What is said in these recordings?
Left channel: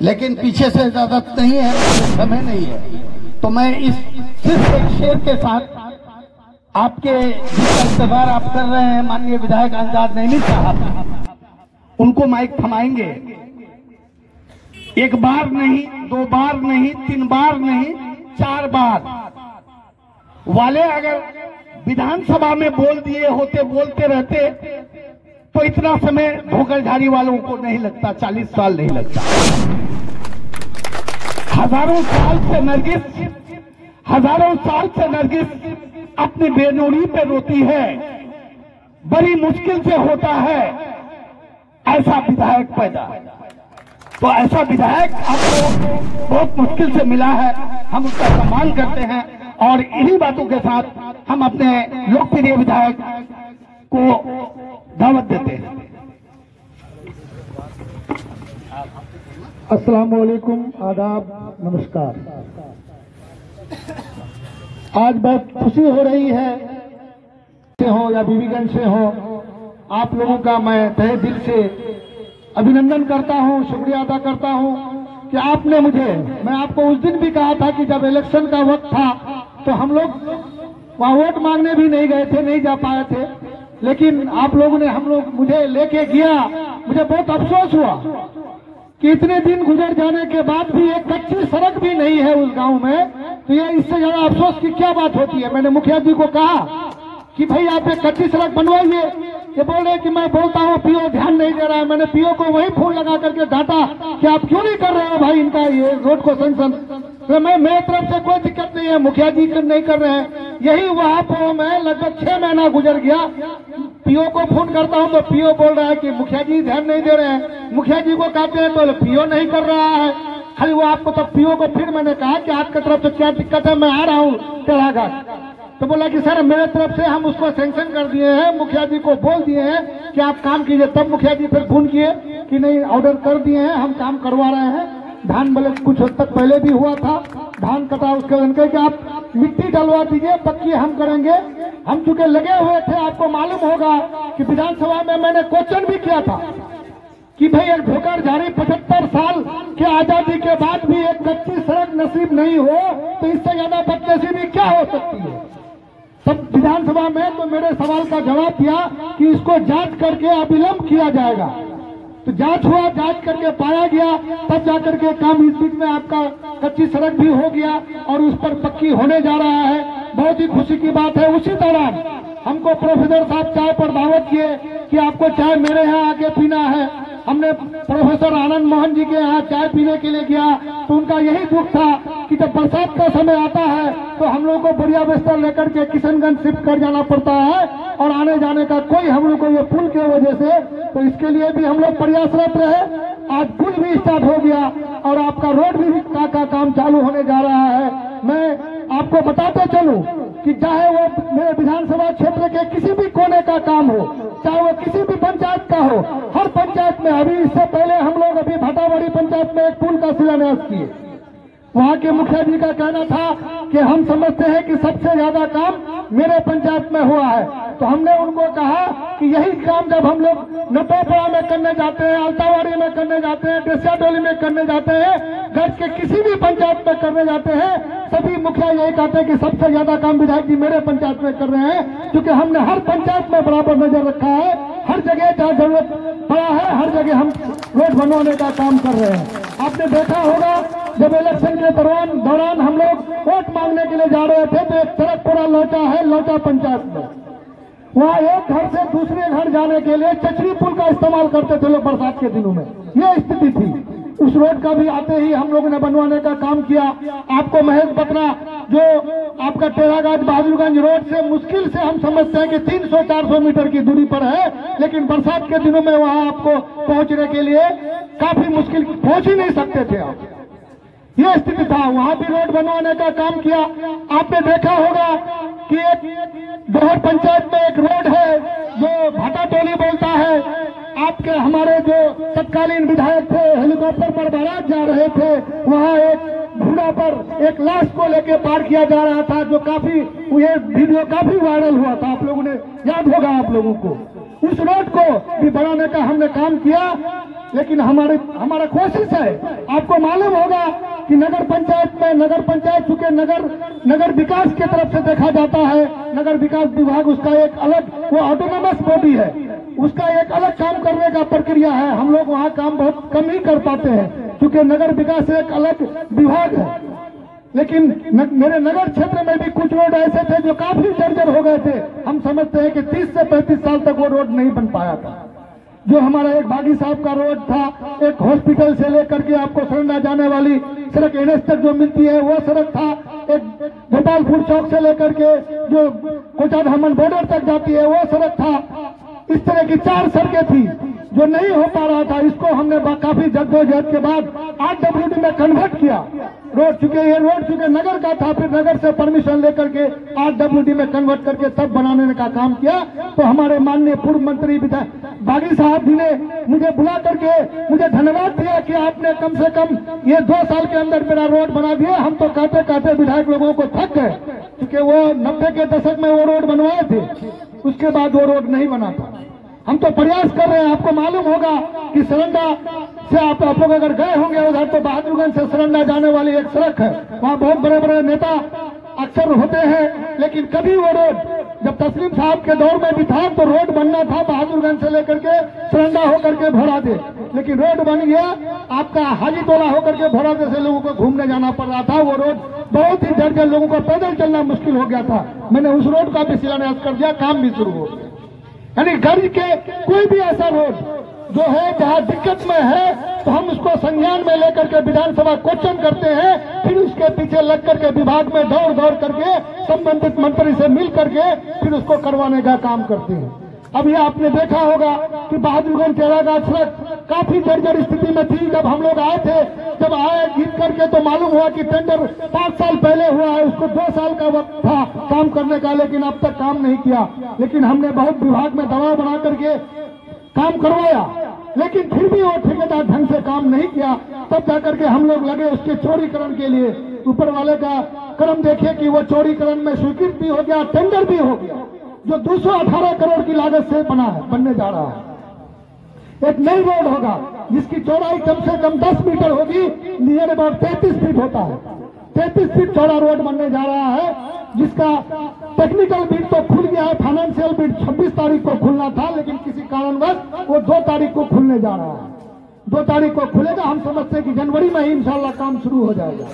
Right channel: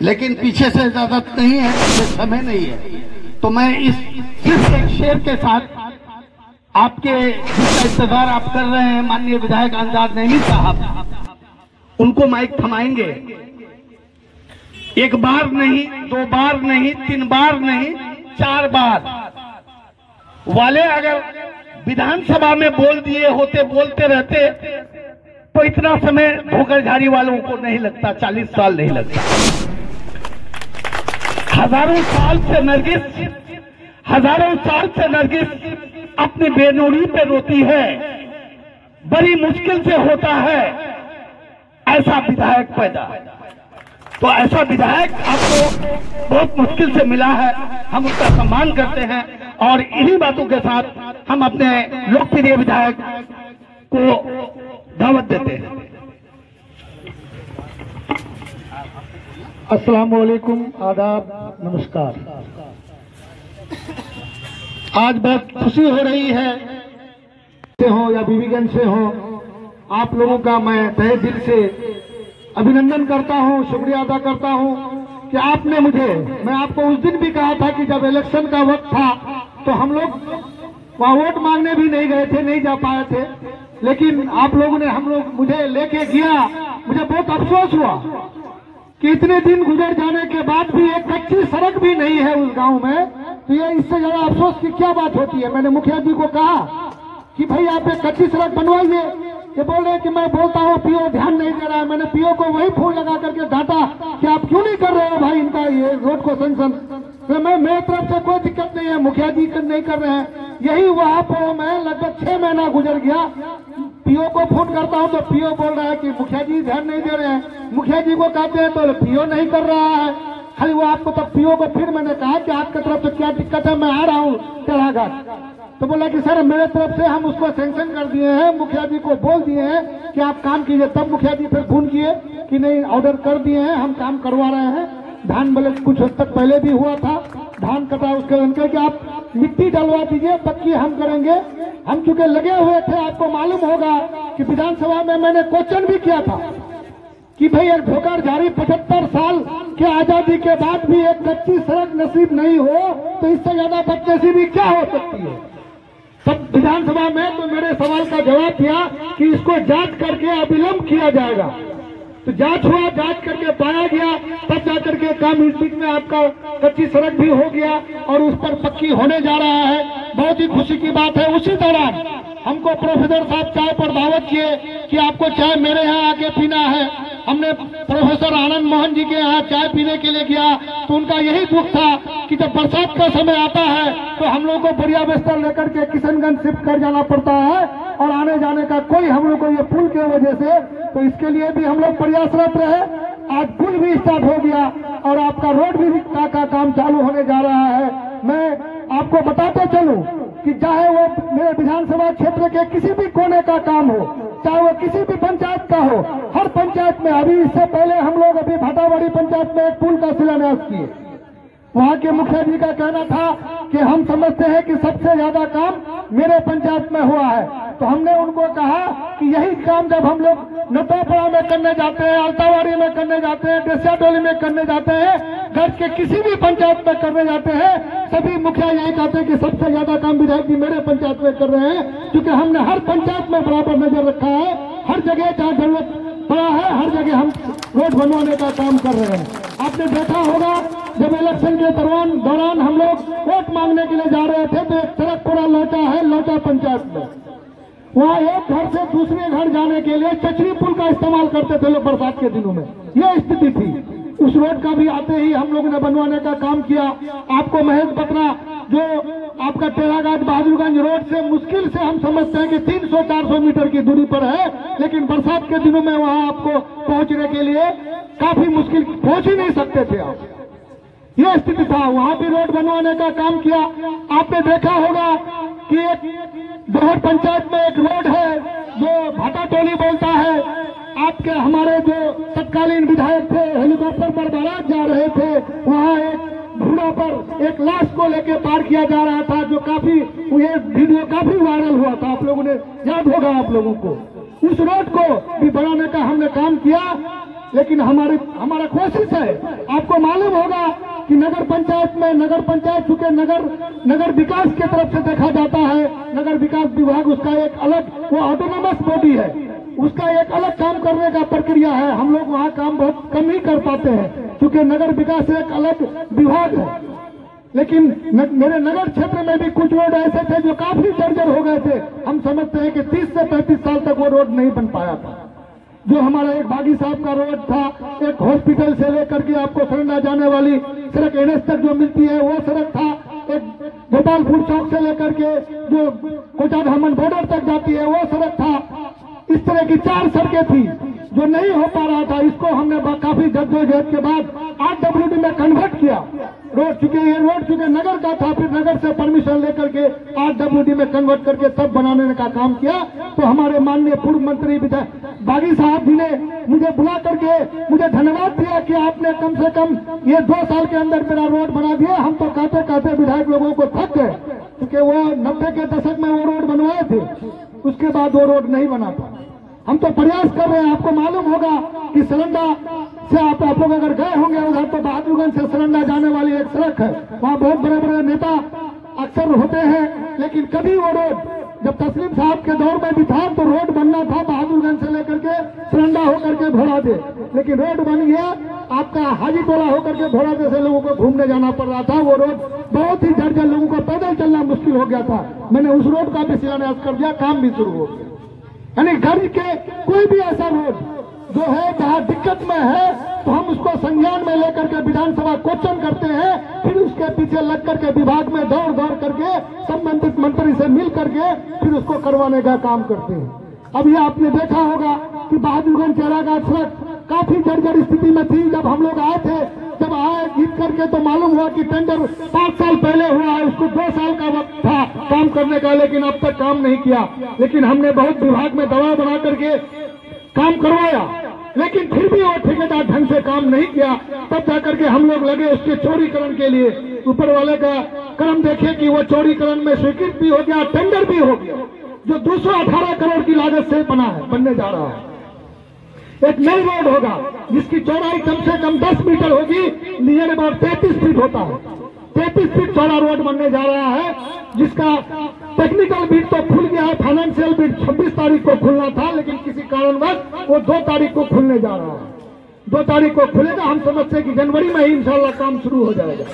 लेकिन पीछे से इजाजत नहीं है, समय नहीं है। तो मैं इस सिर्फ एक शेर के साथ आपके इंतजार आप कर रहे हैं माननीय विधायक आजाद नैनी साहब, उनको माइक थमाएंगे। एक बार नहीं, दो बार नहीं, तीन बार नहीं, 4 बार वाले अगर विधानसभा में बोल दिए होते, बोलते रहते तो इतना समय धोखाधड़ी वालों को नहीं लगता, 40 साल नहीं लगता। हजारों साल से नरगिस अपनी बेनूरी पे रोती है, बड़ी मुश्किल से होता है ऐसा विधायक पैदा। तो ऐसा विधायक आपको बहुत मुश्किल से मिला है, हम उसका सम्मान करते हैं और इन्हीं बातों के साथ हम अपने लोकप्रिय विधायक को दावत देते हैं। अस्सलाम वालेकुम, आदाब, नमस्कार। आज बहुत खुशी हो रही है से हो या बीबीगंज से हो, आप लोगों का मैं तहे दिल से अभिनंदन करता हूं, शुक्रिया अदा करता हूं कि आपने मुझे, मैं आपको उस दिन भी कहा था कि जब इलेक्शन का वक्त था तो हम लोग वहां वोट मांगने भी नहीं गए थे, नहीं जा पाए थे, लेकिन आप लोगों ने मुझे लेके गया। मुझे बहुत अफसोस हुआ कि इतने दिन गुजर जाने के बाद भी एक कच्ची सड़क भी नहीं है उस गांव में। तो ये इससे ज्यादा अफसोस की क्या बात होती है। मैंने मुखिया जी को कहा कि भाई आप एक कच्ची सड़क बनवाइए। ये बोल रहे कि मैं बोलता हूँ पीओ ध्यान नहीं दे रहा है। मैंने पीओ को वही फोन लगा करके डांटा कि आप क्यों नहीं कर रहे हो भाई इनका ये रोड को सेंक्शन। तो मेरे तरफ से कोई दिक्कत नहीं है, मुखिया जी नहीं कर रहे हैं। यही वहां पर मैं लगभग 6 महीना गुजर गया, पीओ को फोन करता हूं तो पीओ बोल रहा है कि मुखिया जी ध्यान नहीं दे रहे हैं। मुखिया जी को कहते हैं तो पीओ नहीं कर रहा है, खाली वो आपको। तो पीओ को फिर मैंने कहा कि आपकी तरफ से क्या दिक्कत है, मैं आ रहा हूँ तेराघाट। तो बोला कि सर मेरे तरफ से हम उसको सैंक्शन कर दिए हैं, मुखिया जी को बोल दिए हैं कि आप काम कीजिए। तब मुखिया जी फिर फोन किए कि नहीं ऑर्डर कर दिए हैं, हम काम करवा रहे हैं। धान भले कुछ हद तक पहले भी हुआ था, धान कटा, उसके उनके कि आप मिट्टी डलवा दीजिए, पक्की हम करेंगे। हम चूंकि लगे हुए थे, आपको मालूम होगा कि विधानसभा में मैंने क्वेश्चन भी किया था कि भाई एक धोखाधड़ी 75 साल के आजादी के बाद भी एक कच्ची सड़क नसीब नहीं हो तो इससे ज्यादा बदनसीबी क्या हो सकती है। तब विधानसभा में तो मेरे सवाल का जवाब दिया कि इसको जांच करके अविलंब किया जाएगा। तो जांच हुआ, जांच करके पाया गया, तब जाकर के काम इस बीच में आपका कच्ची सड़क भी हो गया और उस पर पक्की होने जा रहा है। बहुत ही खुशी की बात है। उसी दौरान हमको प्रोफेसर साहब चाय पर दावत किए कि आपको चाय मेरे यहाँ आके पीना है। हमने प्रोफेसर आनंद मोहन जी के यहाँ चाय पीने के लिए गया तो उनका यही दुख था कि जब बरसात का समय आता है तो हम लोगों को बढ़िया बिस्तर लेकर के किशनगंज शिफ्ट कर जाना पड़ता है और आने जाने का कोई हम लोग को ये पुल की वजह से, तो इसके लिए भी हम लोग प्रयासरत रहे। आज पुल भी स्टार्ट हो गया और आपका रोड भी का काम चालू होने जा रहा है। मैं आपको बताते चलूं कि चाहे वो मेरे विधानसभा क्षेत्र के किसी भी कोने का काम हो, चाहे वो किसी भी पंचायत का हो, हर पंचायत में, अभी इससे पहले हम लोग अभी भाटावाड़ी पंचायत में एक पुल का शिलान्यास किए। वहाँ के मुखिया जी का कहना था कि हम समझते हैं कि सबसे ज्यादा काम मेरे पंचायत में हुआ है। तो हमने उनको कहा कि यही काम जब हम लोग नटोपड़ा में करने जाते हैं, अल्तावाड़ी में करने जाते हैं, देसियाडोली में करने जाते हैं, देश के किसी भी पंचायत में करने जाते हैं, सभी मुखिया यही कहते हैं कि सबसे ज्यादा काम विधायक जी मेरे पंचायत में कर रहे हैं। क्योंकि हमने हर पंचायत में बराबर नजर रखा है, हर जगह जहाँ जरूरत पड़ा है हर जगह हम रोड बनवाने का काम कर रहे हैं। आपने देखा होगा जब इलेक्शन के दौरान हम लोग वोट मांगने के लिए जा रहे थे तो एक सड़क पूरा लौटा है, लौटा पंचायत में, वहाँ एक घर से दूसरे घर जाने के लिए चचरी पुल का इस्तेमाल करते थे लोग बरसात के दिनों में। ये स्थिति थी। उस रोड का भी आते ही हम लोगों ने बनवाने का काम किया। आपको महेश बकरा जो आपका टेराघाट बहादुरगंज रोड से मुश्किल से हम समझते हैं कि 300-400 मीटर की दूरी पर है, लेकिन बरसात के दिनों में वहाँ आपको पहुंचने के लिए काफी मुश्किल, पहुंच ही नहीं सकते थे आप। ये स्थिति था। वहाँ भी रोड बनवाने का काम किया। आपने देखा होगा कि एक दोहर पंचायत में एक रोड है जो भाटाटोली बोलता है। आपके हमारे जो तत्कालीन विधायक थे हेलीकॉप्टर पर बारात जा रहे थे, वहाँ एक घोड़ा पर एक लाश को लेके पार किया जा रहा था, जो काफी, ये वीडियो काफी वायरल हुआ था, आप लोगों ने याद होगा आप लोगों को। उस रोड को भी बनाने का हमने काम किया। लेकिन हमारा कोशिश है। आपको मालूम होगा कि नगर पंचायत चूंकि नगर विकास की तरफ से देखा जाता है, नगर विकास विभाग उसका एक अलग वो ऑटोनोमस बॉडी है, उसका एक अलग काम करने का प्रक्रिया है। हम लोग वहाँ काम बहुत कम ही कर पाते हैं क्योंकि नगर विकास एक अलग विभाग है। लेकिन मेरे नगर क्षेत्र में भी कुछ रोड ऐसे थे जो काफी जर्जर हो गए थे। हम समझते हैं कि 30 से 35 साल तक वो रोड नहीं बन पाया था। जो हमारा एक बागी साहब का रोड था, एक हॉस्पिटल से लेकर के आपको सरंडा जाने वाली सड़क NH तक जो मिलती है वो सड़क था, एक गोपालपुर चौक से लेकर के जो कोटा धामन बॉर्डर तक जाती है वो सड़क था। इस तरह की 4 सड़कें थी जो नहीं हो पा रहा था। इसको हमने काफी जद्दोजहद के बाद RWD में कन्वर्ट किया रोड, चूंकि नगर का था, फिर नगर से परमिशन लेकर के RWD में कन्वर्ट करके तब बनाने का काम किया। तो हमारे माननीय पूर्व मंत्री बागी साहब जी ने मुझे बुला करके मुझे धन्यवाद दिया कि आपने कम से कम ये 2 साल के अंदर मेरा रोड बना दिया। हम तो कहते विधायक लोगों को थक गए क्योंकि वो 90 के दशक में वो रोड बनवाए थे, उसके बाद वो रोड नहीं बना था। हम तो प्रयास कर रहे हैं। आपको मालूम होगा कि सरंडा से आप लोग अगर गए होंगे उधर, तो बहादुरगंज से सरंडा जाने वाली एक सड़क है, वहाँ बहुत बड़े बड़े नेता अक्सर होते हैं, लेकिन कभी वो रोड जब तस्लीम साहब के दौर में भी था तो रोड बनना था बहादुरगंज से लेकर के सरंडा होकर के भोला दे, लेकिन रोड बन गया आपका हाजी टोला होकर के भोला दे से लोगों को घूमने जाना पड़ रहा था। वो रोड बहुत ही जर्जर, लोगों को पैदल चलना मुश्किल हो गया था। मैंने उस रोड का भी शिलान्यास कर दिया, काम भी शुरू हो गया। यानी घर के कोई भी ऐसा रोड जो है जहाँ दिक्कत में है तो हम उसको संज्ञान में लेकर के विधानसभा क्वेश्चन करते हैं, फिर उसके पीछे लग करके विभाग में दौड़ करके संबंधित मंत्री से मिल करके फिर उसको करवाने का काम करते हैं। अभी आपने देखा होगा कि बहादुरगंज चेराघाट सड़क काफी जर्जर स्थिति में थी। जब हम लोग आए थे, जब आए जीत करके तो मालूम हुआ कि टेंडर 5 साल पहले हुआ है, उसको 2 साल का वक्त था काम करने का, लेकिन अब तक काम नहीं किया। लेकिन हमने बहुत विभाग में दबाव बना करके काम करवाया, लेकिन फिर भी वो ठेकेदार ढंग से काम नहीं किया। तब जाकर के हम लोग लगे उसके चौड़ीकरण के लिए। ऊपर वाले का कर्म देखिए कि वो चौड़ीकरण में स्वीकृत भी हो गया, टेंडर भी हो गया, जो 218 करोड़ की लागत से बनने जा रहा है। एक नई रोड होगा जिसकी चौड़ाई कम से कम 10 मीटर होगी, नियर अबाउट 33 फीट होता है। 33 फीट चौड़ा रोड बनने जा रहा है, जिसका टेक्निकल बिड तो खुल गया है, फाइनेंशियल बिड 26 तारीख को खुलना था, लेकिन किसी कारणवश वो 2 तारीख को खुलने जा रहा है। 2 तारीख को खुलेगा। हम समझते हैं कि जनवरी में ही इंशाल्लाह काम शुरू हो जाएगा।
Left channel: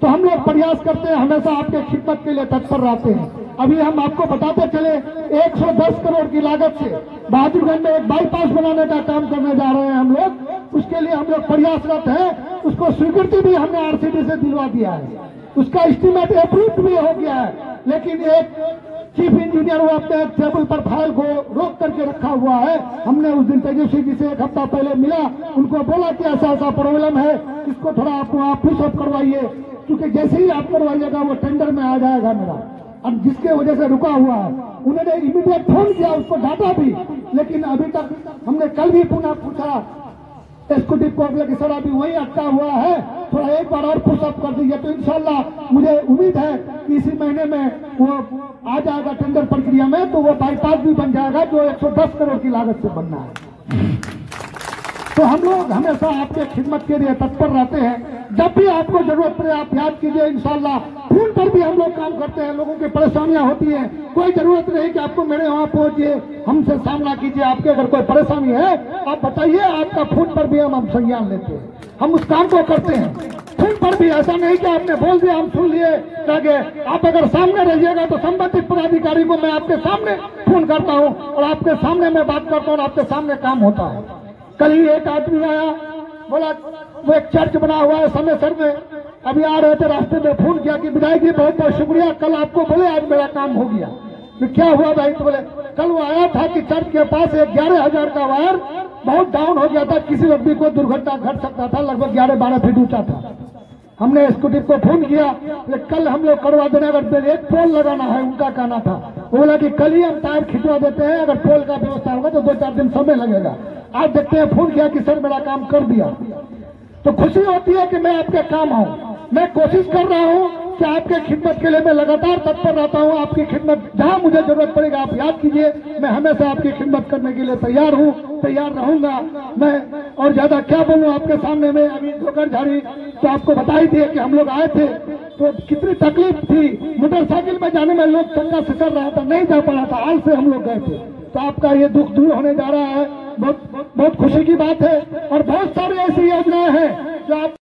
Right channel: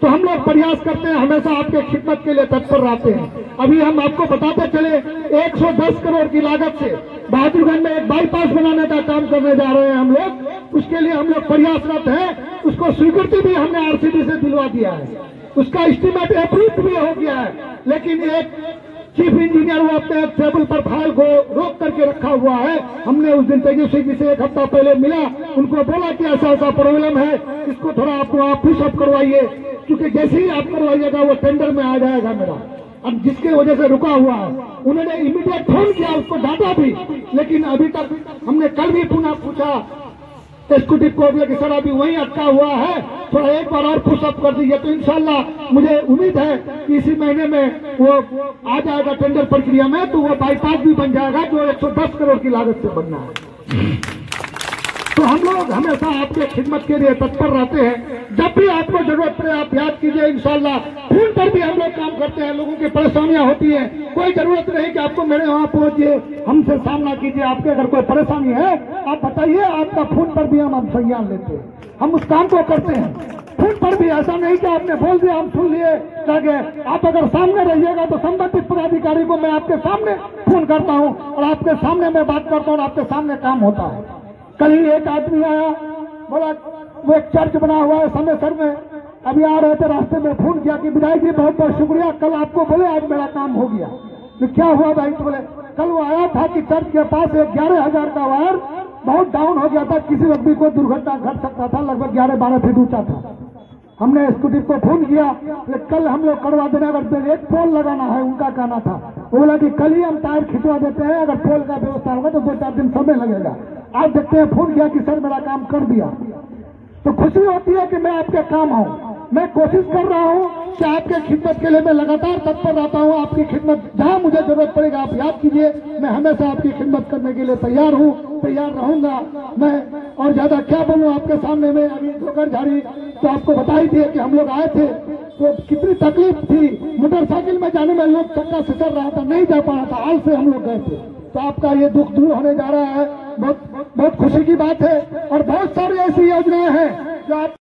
तो हम लोग प्रयास करते हैं, हमेशा आपके खिदमत के लिए तत्पर रहते हैं। अभी हम आपको बताते चले 110 करोड़ की लागत से बहादुरगंज में एक बाईपास बनाने का काम करने जा रहे हैं हम लोग। उसके लिए हम लोग प्रयासरत हैं। उसको स्वीकृति भी हमने RCD से दिलवा दिया है, उसका एस्टीमेट अप्रूव भी हो गया है। लेकिन एक चीफ इंजीनियर वो अपने टेबल पर फाइल को रोक करके रखा हुआ है। हमने उस दिन तेजस्वी जी से 1 हफ्ता पहले मिला, उनको बोला कि ऐसा प्रॉब्लम है, इसको थोड़ा आप पुशअप करवाइए, क्योंकि जैसे ही आप करवाइएगा वो टेंडर में आ जाएगा मेरा। अब जिसके वजह से रुका हुआ है, उन्होंने इमीडिएट फोन किया, उसको डांटा भी, लेकिन अभी तक हमने कल भी पुनः पूछा एग्जीक्यूटिव को कि सर अभी वही अटका हुआ है, थोड़ा एक बार और पुशअप कर दीजिए। तो इंशाल्लाह मुझे उम्मीद है कि इसी महीने में वो आ जाएगा टेंडर प्रक्रिया में, तो वो बाईपास भी बन जाएगा जो 110 करोड़ की लागत से बनना है। तो हम लोग हमेशा आपके खिदमत के लिए तत्पर रहते हैं। जब भी आपको जरूरत पड़े आप याद कीजिए। इंशाल्लाह फोन पर भी हम लोग काम करते हैं। लोगों की परेशानियां होती है, कोई जरूरत नहीं कि आपको मेरे वहां पहुंचिए, हमसे सामना कीजिए। आपके अगर कोई परेशानी है आप बताइए, आपका फोन पर भी हम संज्ञान लेते हैं, हम उस काम को करते हैं। फोन पर भी ऐसा नहीं कि आपने बोल दिया हम सुन लिए लगे। आप अगर सामने रहिएगा तो संबंधित पदाधिकारी को मैं आपके सामने फोन करता हूँ और आपके सामने मैं बात करता हूँ और आपके सामने काम होता है। कल ही एक आदमी आया, बोला वो एक चर्च बना हुआ है समयसर में, अभी आ रहे थे रास्ते में फोन किया कि विधायक जी बहुत बहुत शुक्रिया, कल आपको बोले आज मेरा काम हो गया। तो क्या हुआ भाई? तो बोले कल वो आया था कि चर्च के पास एक 11,000 का वायर बहुत डाउन हो गया था, किसी व्यक्ति को दुर्घटना घट सकता था, लगभग 11-12 फीट ऊंचा था। हमने एग्जीक्यूटिव को फोन किया, कल हम लोग करवा देना, अगर एक पोल लगाना है उनका कहना था। वो बोला कि कल ही हम टायर खिंचवा देते हैं, अगर पोल का व्यवस्था होगा तो 2-4 दिन समय लगेगा। आज देखते हैं, फोन किया कि सर मेरा काम कर दिया। तो खुशी होती है कि मैं आपके काम हूँ, मैं कोशिश कर रहा हूँ कि आपके खिदमत के लिए मैं लगातार तत्पर रहता हूं। आपकी खिदमत जहां मुझे जरूरत पड़ेगा आप याद कीजिए, मैं हमेशा आपकी खिदमत करने के लिए तैयार हूं, तैयार रहूंगा मैं। और ज्यादा क्या बोलूं आपके सामने में। अभी जोकर झाड़ी तो आपको बताई थी कि हम लोग आए थे तो कितनी तकलीफ थी, मोटरसाइकिल में जाने में लोग चक्का सितर रहा था, नहीं जा पा रहा था, आज से हम लोग गए थे। तो आपका ये दुख दूर होने जा रहा है, बहुत खुशी की बात है। और बहुत सारी ऐसी योजनाएं हैं जो आप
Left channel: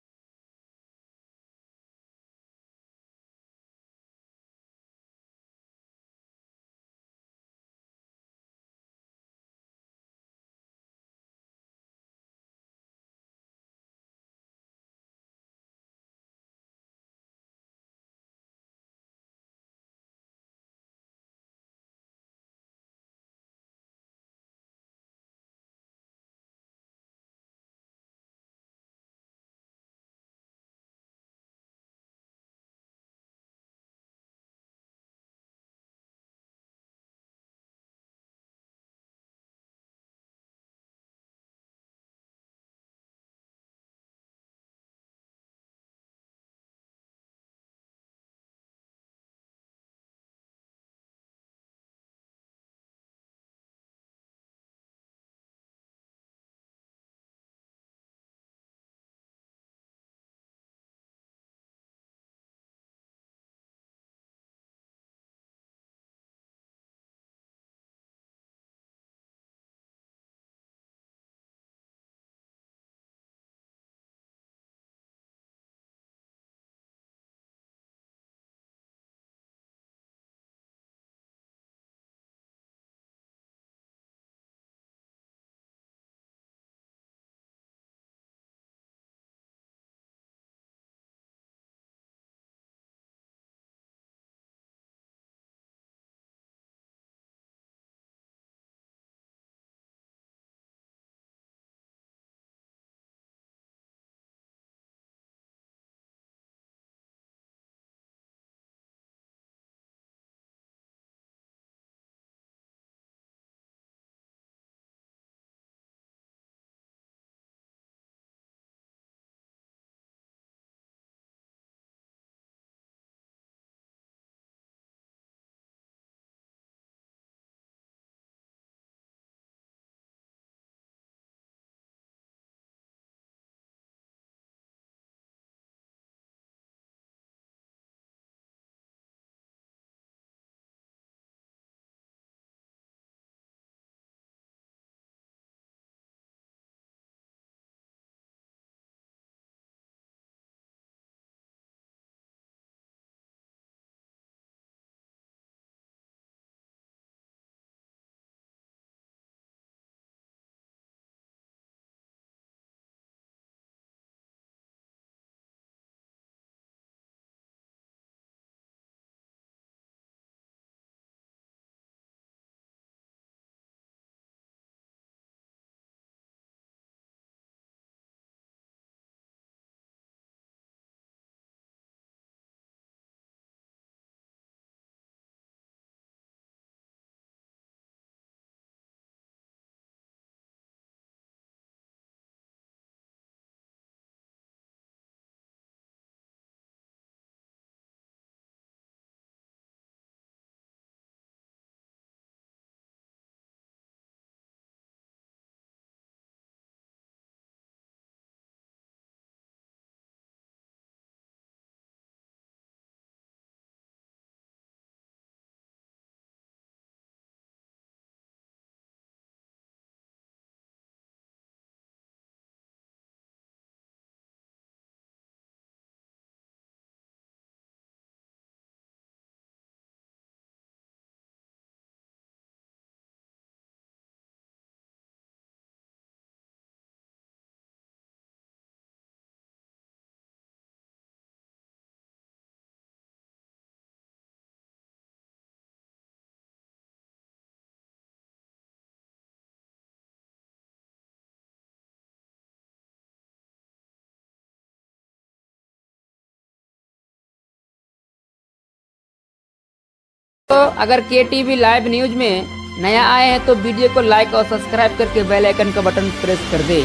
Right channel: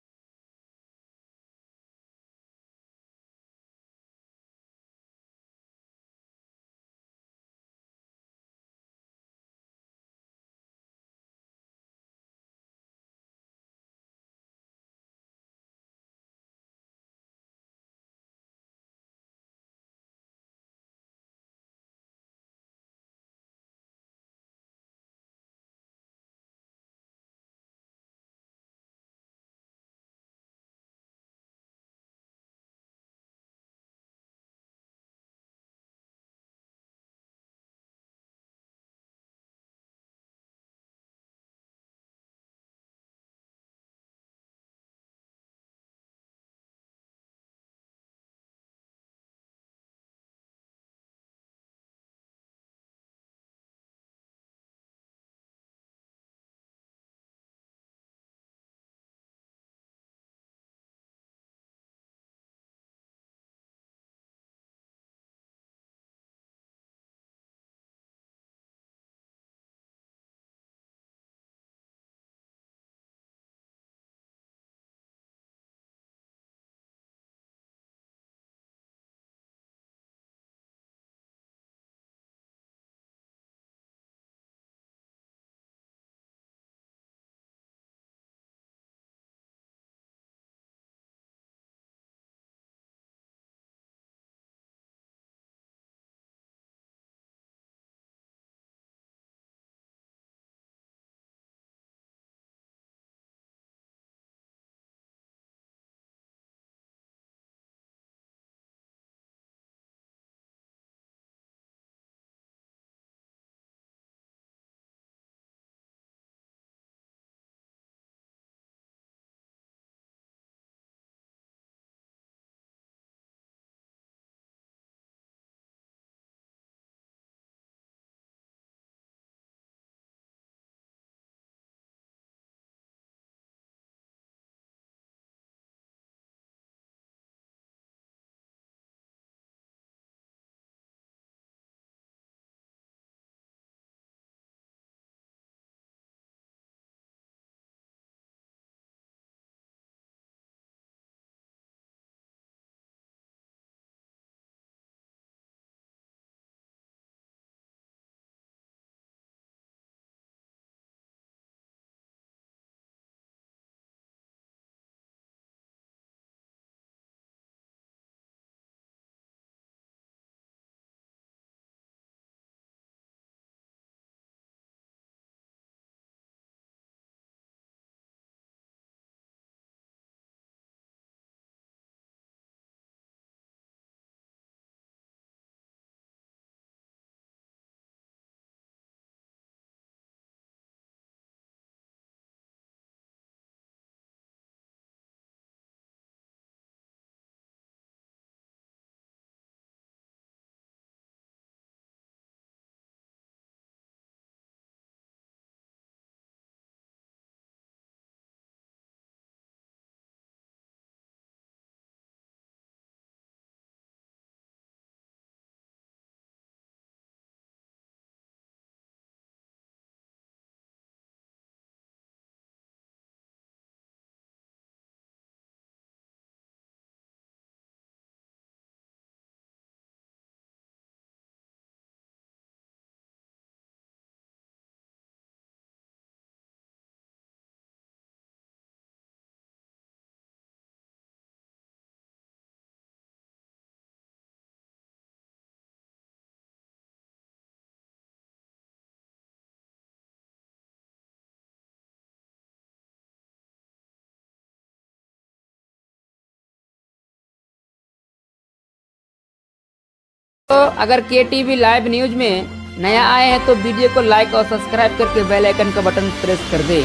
तो अगर KTV लाइव न्यूज में नया आए हैं तो वीडियो को लाइक और सब्सक्राइब करके बेल आइकन का बटन प्रेस कर दे।